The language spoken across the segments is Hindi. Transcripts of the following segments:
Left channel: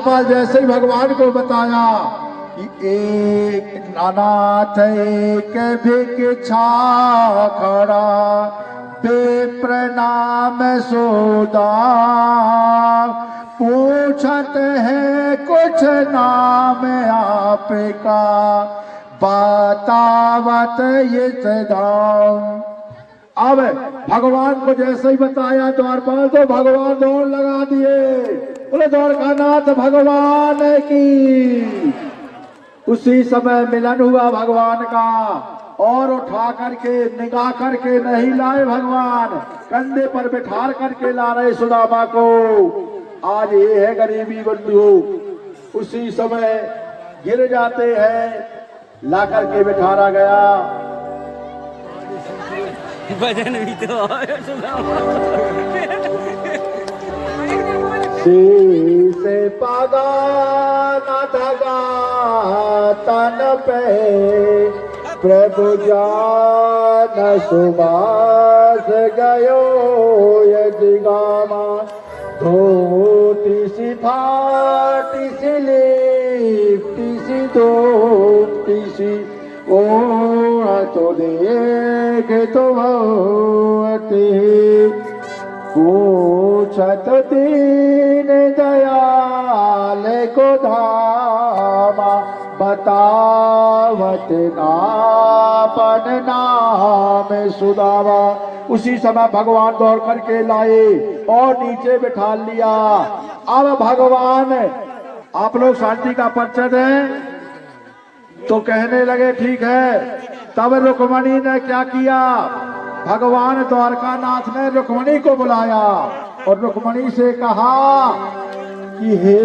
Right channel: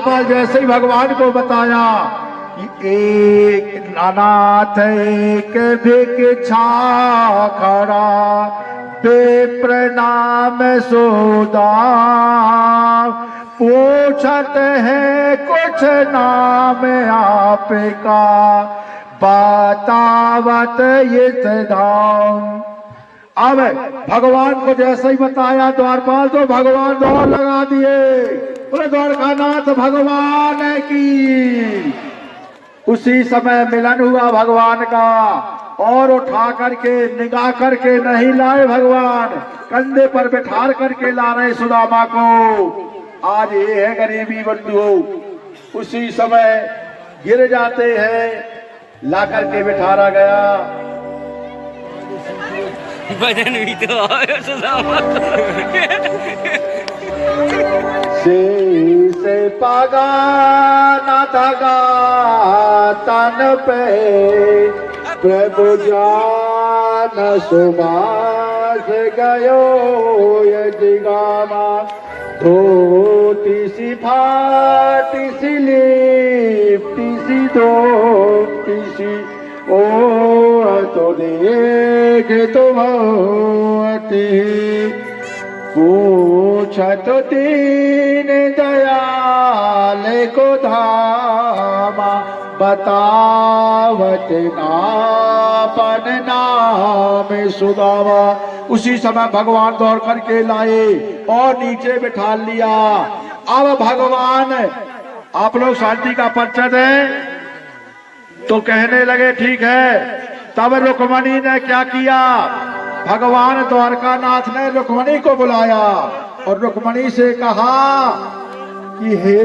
द्वारपाल जैसे ही भगवान को बताया कि एक नानाथ एक भिक्षा खड़ा प्रणाम सोदा पूछत है कुछ नाम आपका बतावत इस धाम। अब भगवान को जैसे ही बताया द्वारपाल तो भगवान दौड़ लगा दिए, बोले द्वारकानाथ भगवान की। उसी समय मिलन हुआ भगवान का और उठा करके निगाह करके नहीं लाए भगवान, कंधे पर बैठा करके ला रहे सुदामा को। आज ये है गरीबी बंधु, उसी समय गिर जाते हैं, ला करके बिठारा गया। भजन भी तो शीश पागा न थगा तन पे प्रभु जान सुबास गयो यजिगामा धोती सी फाटी सी लिपटी सी धोती सी ओ तो देख तुम पूछत दीन दयाल को धामा बतावत नापन नाम सुदामा। उसी समय भगवान दौड़ करके लाए और नीचे बिठा लिया। अब भगवान आप लोग शांति का परिचय दें तो कहने लगे ठीक है। तब रुक्मणी ने क्या किया, भगवान द्वारकानाथ ने रुक्मणी को बुलाया और रुक्मणी से कहा कि हे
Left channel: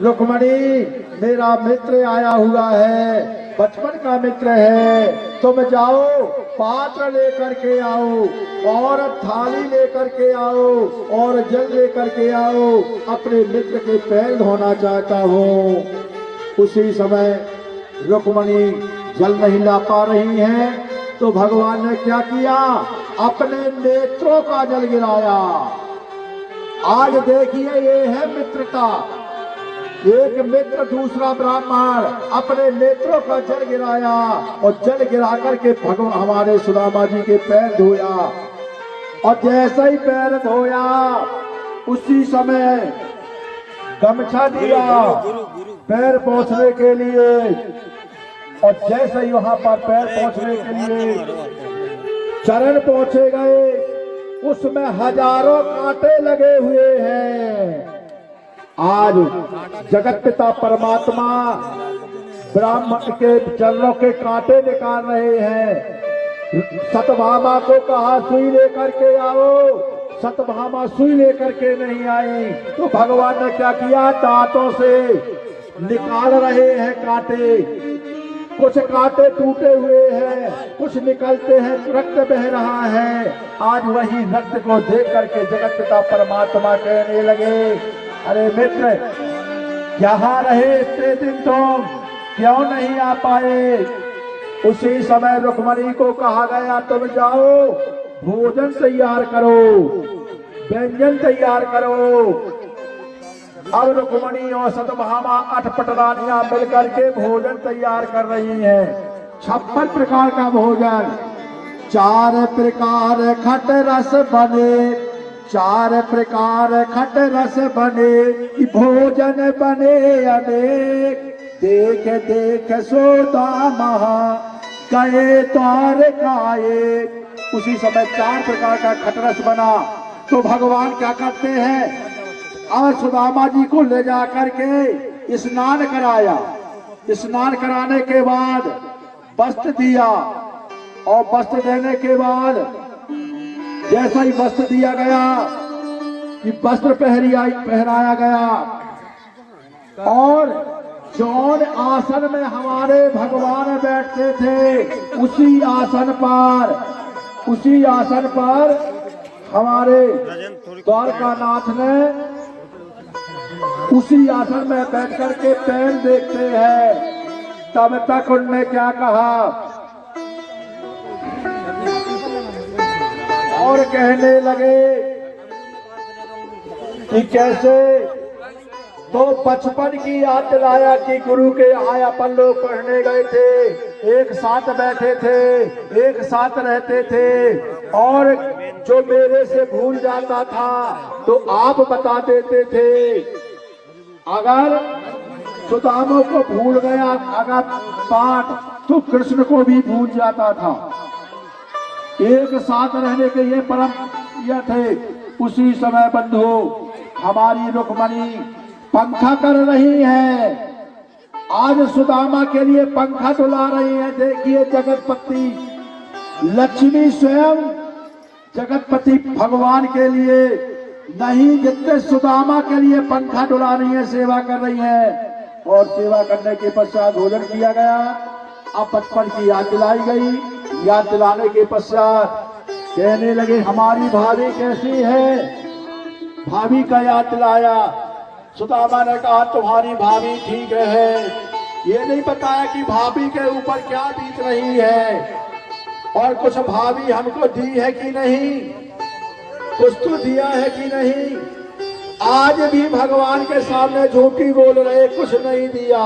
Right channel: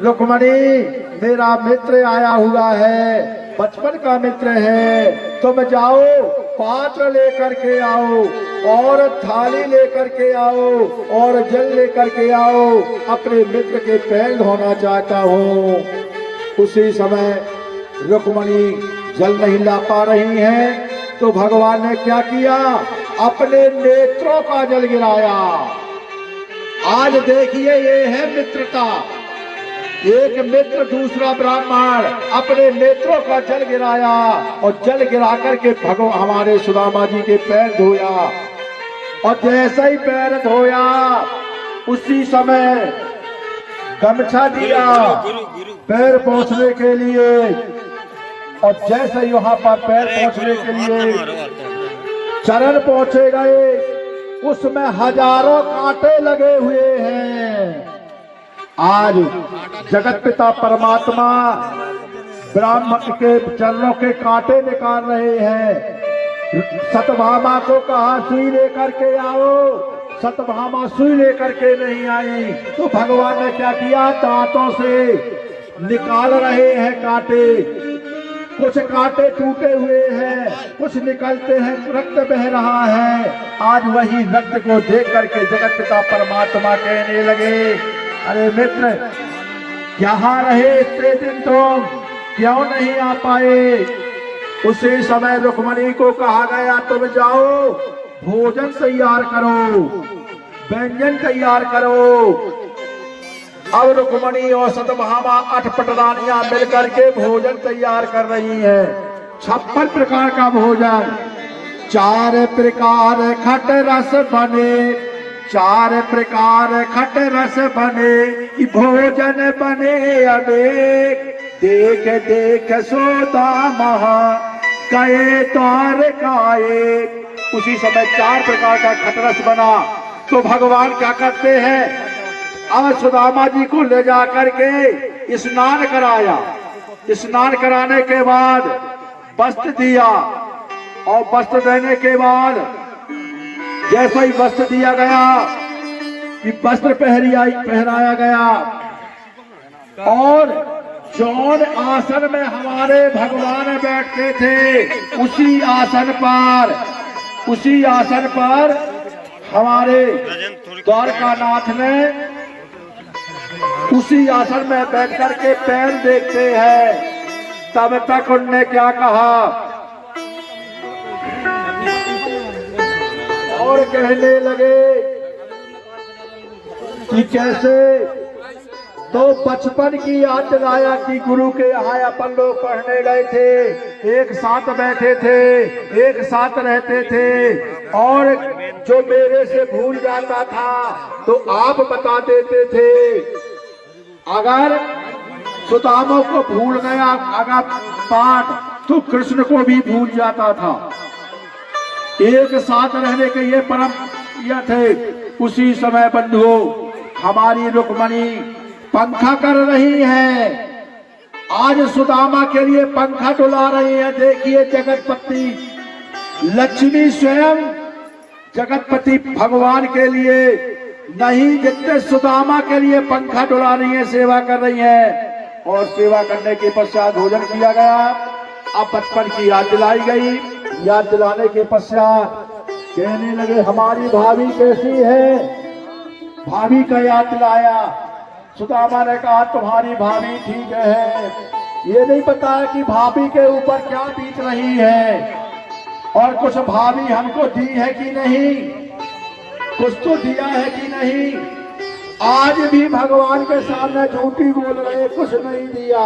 रुक्मणी, मेरा मित्र आया हुआ है, बचपन का मित्र है, तुम जाओ पात्र लेकर के आओ और थाली लेकर के आओ और जल लेकर के आओ, अपने मित्र के पैर धोना चाहता हूँ। उसी समय रुक्मणी जल नहीं ला पा रही हैं तो भगवान ने क्या किया, अपने नेत्रों का जल गिराया। आज देखिए ये है मित्रता, एक मित्र दूसरा ब्राह्मण, अपने नेत्रों का जल गिराया और जल गिरा करके भगवान हमारे सुदामा जी के पैर धोया। और जैसे ही पैर धोया उसी समय गमछा दिया पैर पोंछने के लिए, और जैसे यहाँ पर पैर पोंछने के लिए चरण पहुंचे गए, उसमें हजारों कांटे लगे हुए हैं। आज जगत पिता परमात्मा ब्राह्मण के चरणों के कांटे निकाल रहे हैं। सतभामा को कहा सुई लेकर के आओ, सतभामा सुई लेकर के नहीं आई तो भगवान ने क्या किया, दांतों से निकाल रहे हैं कांटे। कुछ कांटे टूटे हुए हैं, कुछ निकलते हैं, रक्त बह रहा है। आज वही रक्त को देख करके जगत पिता परमात्मा कहने लगे, अरे मित्र यहाँ रहे इतने दिन तुम क्यों नहीं आ पाए। उसी समय रुक्मणी को कहा गया तुम जाओ भोजन तैयार करो, व्यंजन तैयार करो। अब रुक्मणी और सतभामा अठपटरानियां मिलकर के भोजन तैयार कर रही हैं। 56 प्रकार का भोजन, 4 प्रकार खट रस बने, 4 प्रकार खट रस बने, भोजन बने अनेक, देख देख सोदामा गए द्वारकाए। उसी समय 4 प्रकार का खट रस बना तो भगवान क्या करते हैं, अब सुदामा जी को ले जा करके स्नान कराया। स्नान कराने के बाद वस्त्र दिया और वस्त्र देने के बाद जैसा ही वस्त्र दिया गया कि वस्त्र पहनाया गया और जौन आसन में हमारे भगवान बैठते थे उसी आसन पर हमारे द्वारकानाथ ने उसी आसन में बैठ करके पैर देखते हैं। तब तक उनने क्या कहा और कहने लगे कि कैसे तो बचपन की याद दिलाया कि गुरु के यहाँ अपन लोग पढ़ने गए थे, एक साथ बैठे थे, एक साथ रहते थे, और जो मेरे से भूल जाता था तो आप बता देते थे। अगर सुदामा को भूल गया अगर पाठ तो कृष्ण को भी भूल जाता था। एक साथ रहने के ये परम यह थे। उसी समय बंधुओं हमारी रुक्मणी पंखा कर रही है। आज सुदामा के लिए पंखा डुला रही है। देखिए जगतपति लक्ष्मी स्वयं जगतपति भगवान के लिए नहीं, जितने सुदामा के लिए पंखा डुला रही है, सेवा कर रही है। और सेवा करने के पश्चात भोजन किया गया। अब बचपन की याद दिलाई गई। याद दिलाने के पश्चात कहने लगे हमारी भाभी कैसी है। भाभी का याद दिलाया। सुदामा ने कहा तुम्हारी भाभी ठीक है। ये नहीं पता कि भाभी के ऊपर क्या बीत रही है, और कुछ भाभी हमको दी है कि नहीं, कुछ तो दिया है कि नहीं। आज भी भगवान के सामने झूठी बोल रहे, कुछ नहीं दिया,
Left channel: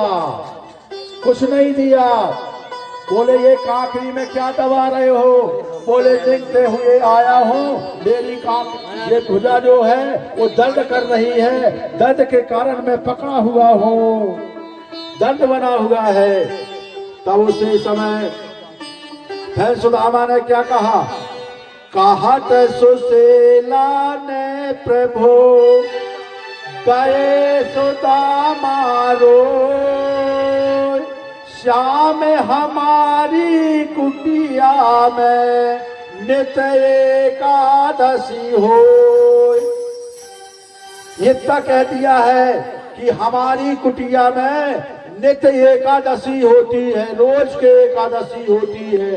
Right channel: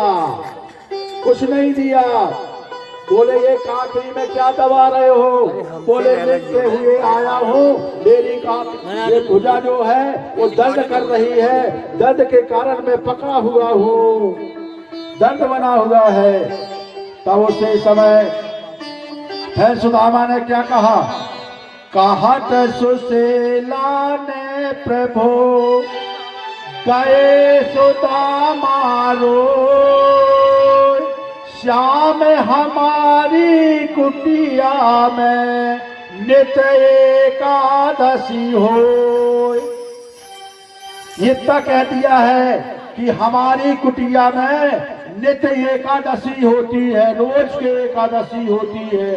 कुछ नहीं दिया। बोले ये काखरी में क्या दबा रहे हो। बोले देखते हुए आया हूँ, मेरी ये भुजा जो है वो दर्द कर रही है, दर्द के कारण मैं पकड़ा हुआ हूँ, दर्द बना हुआ है। तब उसे समय फिर सुदामा ने क्या कहा, कहत सुशीला ने प्रभु गए सुदामा रो, श्याम हमारी कुटिया में नित एकादशी हो। इतना कह दिया है कि हमारी कुटिया में नित एकादशी होती है, रोज के एकादशी होती है।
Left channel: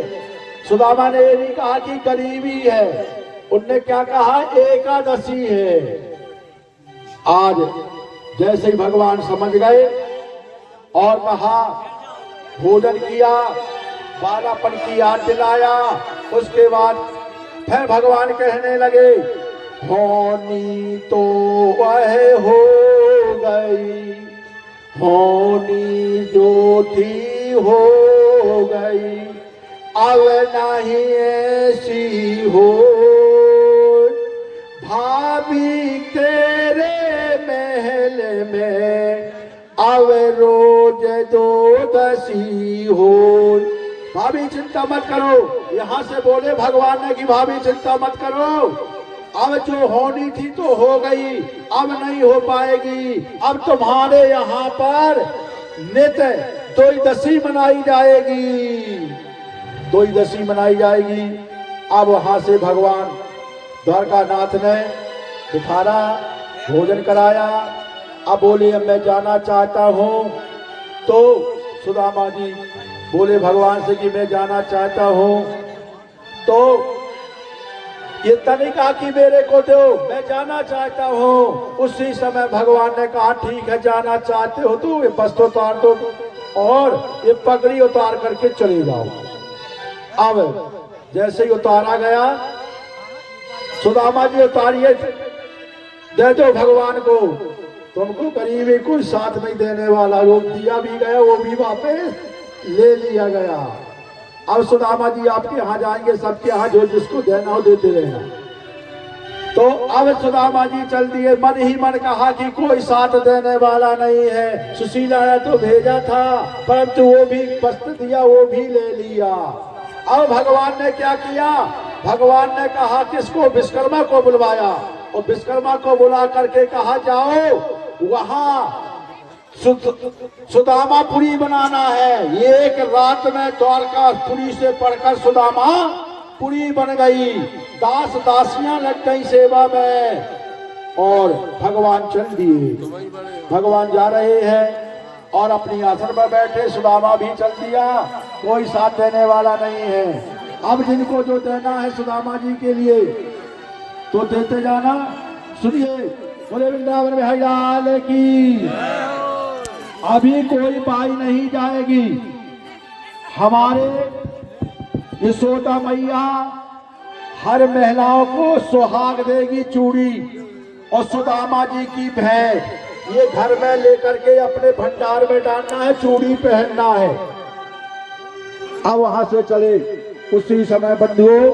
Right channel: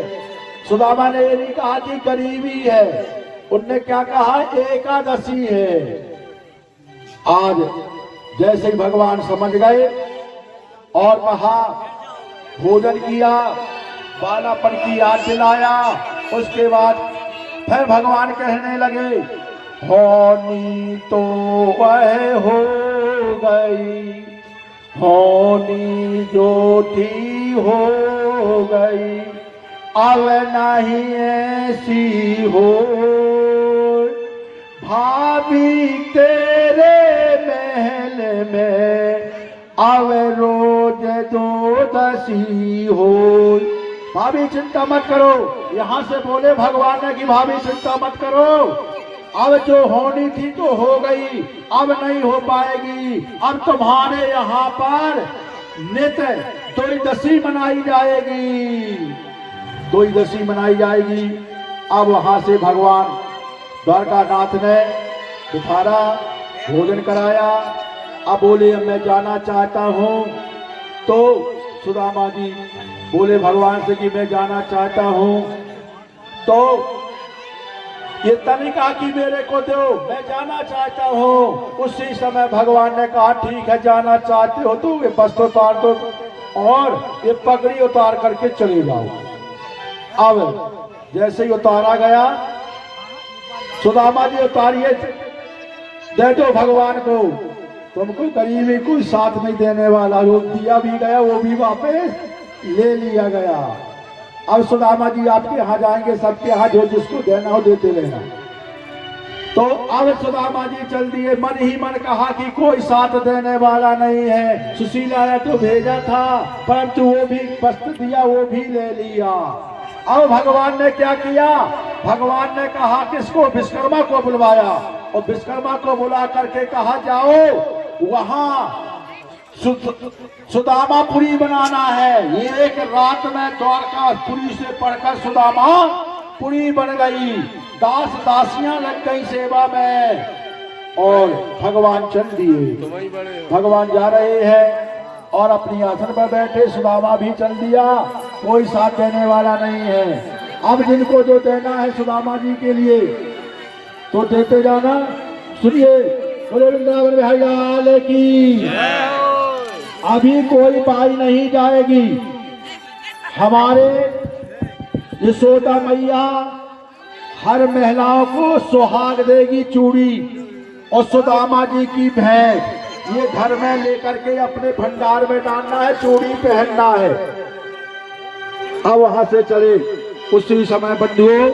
सुदामा ने ये नहीं कहा कि गरीबी है, उनने क्या कहा, एकादशी है। आज जैसे ही भगवान समझ गए और कहा, भोजन किया, बालापन की याद दिलाया। उसके बाद फिर भगवान कहने लगे होनी तो वह हो गई, होनी जो थी हो गई, अब नहीं ऐसी हो। भाभी तेरे महल में अब रोज दो दसी हो। भाभी चिंता मत करो, यहाँ से बोले भगवान ने कि भाभी चिंता मत करो, अब जो होनी थी तो हो गई, अब नहीं हो पाएगी। अब तुम्हारे यहाँ पर नित्य द्वादशी मनाई जाएगी, द्वादशी मनाई जाएगी। अब वहां से भगवान द्वारकानाथ ने बिठारा, भोजन कराया। अब बोले अब मैं जाना चाहता हूँ। तो सुदामा जी बोले भगवान से कि मैं जाना चाहता हूँ। तो ये तभी कहा कि मेरे को दो, मैं जाना चाहता हूँ। उसी समय भगवान ने कहा ठीक है, जाना चाहते हो तो ये वस्त्र उतार दो और ये पगड़ी उतार करके चले जाओ। अब जैसे ही उतारा गया, सुदामा जी उतारिए, दे दो भगवान को, तुमको गरीबी कोई साथ नहीं देने वाला। जो दिया भी गया वो भी वापस ले लिया गया। अब सुदामा जी आपके यहाँ जाएंगे, सबके यहाँ जो जिसको देना हो देते रहना। तो अब सुदामा जी चल दिए। मन ही मन कहा कि कोई साथ देने वाला नहीं है। सुशीला ने तो भेजा था, परंतु वो भी वस्त्र दिया, वो भी ले लिया। अब भगवान ने क्या किया, भगवान ने कहा किसको, विश्वकर्मा को बुलवाया, और विश्वकर्मा को बुला करके कहा जाओ वहां सुदामापुरी बनाना है। एक रात में द्वारकापुरी से पढ़कर सुदामापुरी बन गई। दास दासियां लग गई सेवा में और भगवान चल दिए। भगवान जा रहे हैं और अपनी आसन पर बैठे, सुदामा भी चल दिया। कोई साथ देने वाला नहीं है। अब जिनको जो देना है सुदामा जी के लिए तो देते जाना। सुनिए, बोले वृंदावन बिहारी की। अभी कोई बाई नहीं जाएगी। हमारे यशोदा मैया हर महिलाओं को सुहाग देगी चूड़ी, और सुदामा जी की भेंट ये घर में लेकर के अपने भंडार में डालना है, चूड़ी पहनना है। अब वहां से चले। उसी समय बंधुओं,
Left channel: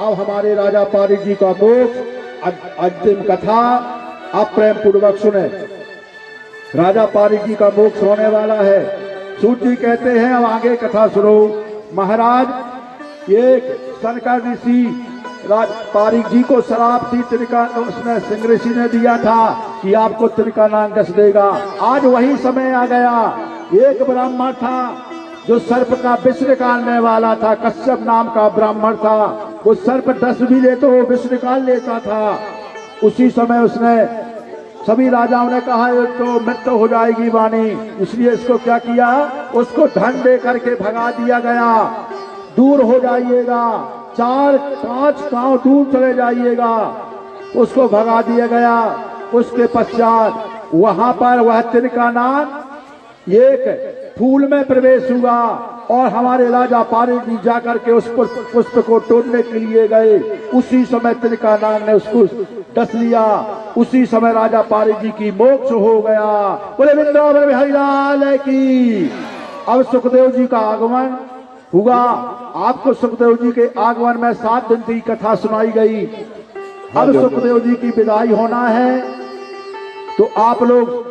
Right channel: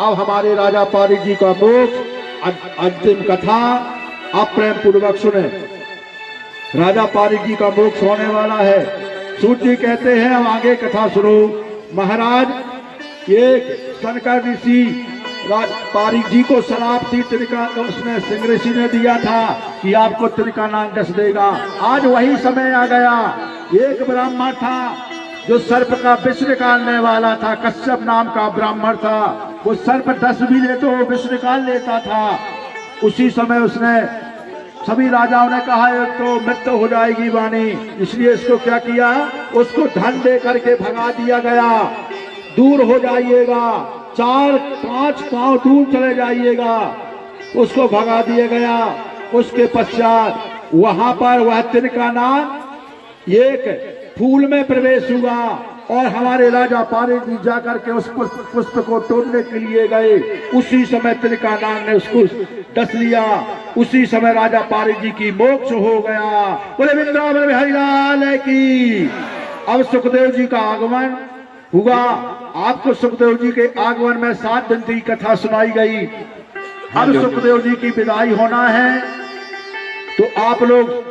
अब हमारे राजा पारिक जी का मोक्ष अंतिम कथा आप प्रेम पूर्वक सुने। राजा पारिक जी का मोक्ष होने वाला है। सूत जी कहते हैं, अब आगे कथा सुनो। महाराज, एक शंकर ऋषि पारिक जी को शराब थी, त्रिका उसने सिंह ऋषि ने दिया था कि आपको त्रिकानन डस देगा। आज वही समय आ गया। एक ब्राह्मण था जो सर्प का विष निकालने वाला था, कश्यप नाम का ब्राह्मण था। वो सर्प डस भी ले तो विष निकाल लेता था। उसी समय उसने, सभी राजाओं ने कहा एक तो मृत्यु हो जाएगी वाणी, इसलिए इसको क्या किया, उसको धन दे करके भगा दिया गया। दूर हो जाइएगा, 4-5 गांव दूर चले जाइएगा, उसको भगा दिया गया। उसके पश्चात वहां पर वह त्रिकानन एक फूल में प्रवेश हुआ और हमारे राजा पारिक जी जाकर के उस पुष्प को तोड़ने के लिए गए। उसी समय त्रिकानन ने उसको डस लिया। उसी समय राजा पारिक जी की मोक्ष हो गया। बोले वृंदावन बिहारी लाल की। अब सुखदेव जी का आगमन हुआ। आपको सुखदेव जी के आगमन में 7 दिन की कथा सुनाई गई। अब सुखदेव जी की विदाई होना है, तो आप लोग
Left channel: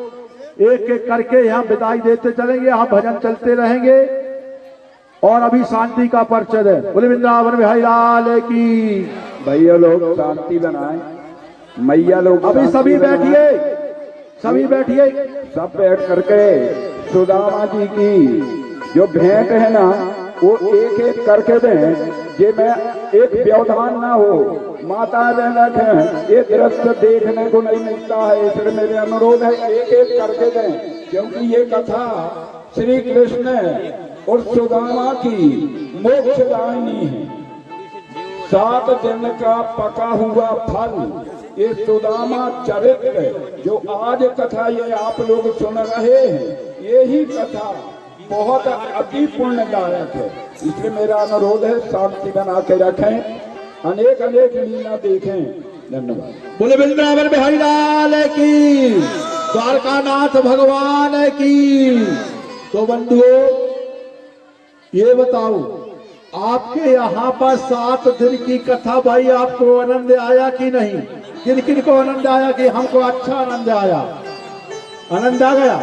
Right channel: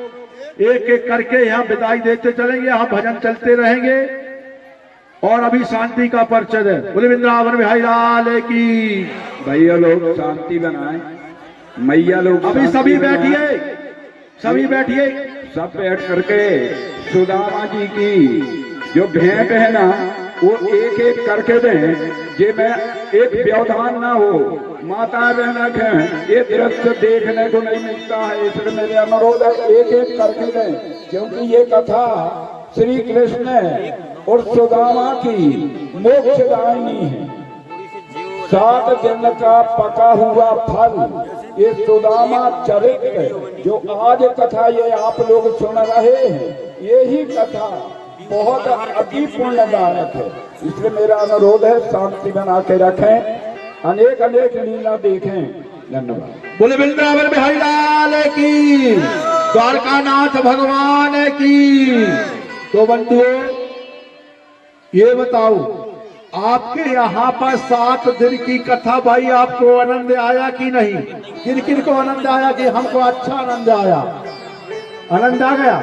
एक एक करके यहाँ विदाई देते चलेंगे। यहाँ भजन चलते रहेंगे और अभी शांति का परिचय है। बोले वृंदावन बिहारी लाल की। भैया लोग शांति बनाए, मैया लोग अभी सभी बैठिए, सभी बैठिए। सब बैठ करके सुदामा जी की जो भेंट है ना, वो एक एक करके दें, जे मैं एक व्यवधान ना हो। माता बहन है, ये दृश्य देखने को नहीं मिलता है, इसलिए मेरे अनुरोध है एक एक करके दें, क्योंकि ये कथा श्री कृष्ण और सुदामा की मोक्षदायिनी है। 7 दिन का पका हुआ फल, ये सुदामा चरित्र जो आज कथा ये आप लोग सुन रहे हैं, यही कथा बहुत अति पुण्यदायक है। इसलिए मेरा अनुरोध है शांति बना के रखें, अनेक अनेक लीला देखें। धन्यवाद। बोले वृंदावन बिहारी लाल की, द्वारकानाथ भगवान की। तो बंधुओं, ये बताओ, आपके यहाँ पर 7 दिन की कथा, भाई आपको आनंद आया कि नहीं? किन किन को आनंद आया? कि हमको अच्छा आनंद आया, आनंद आ गया।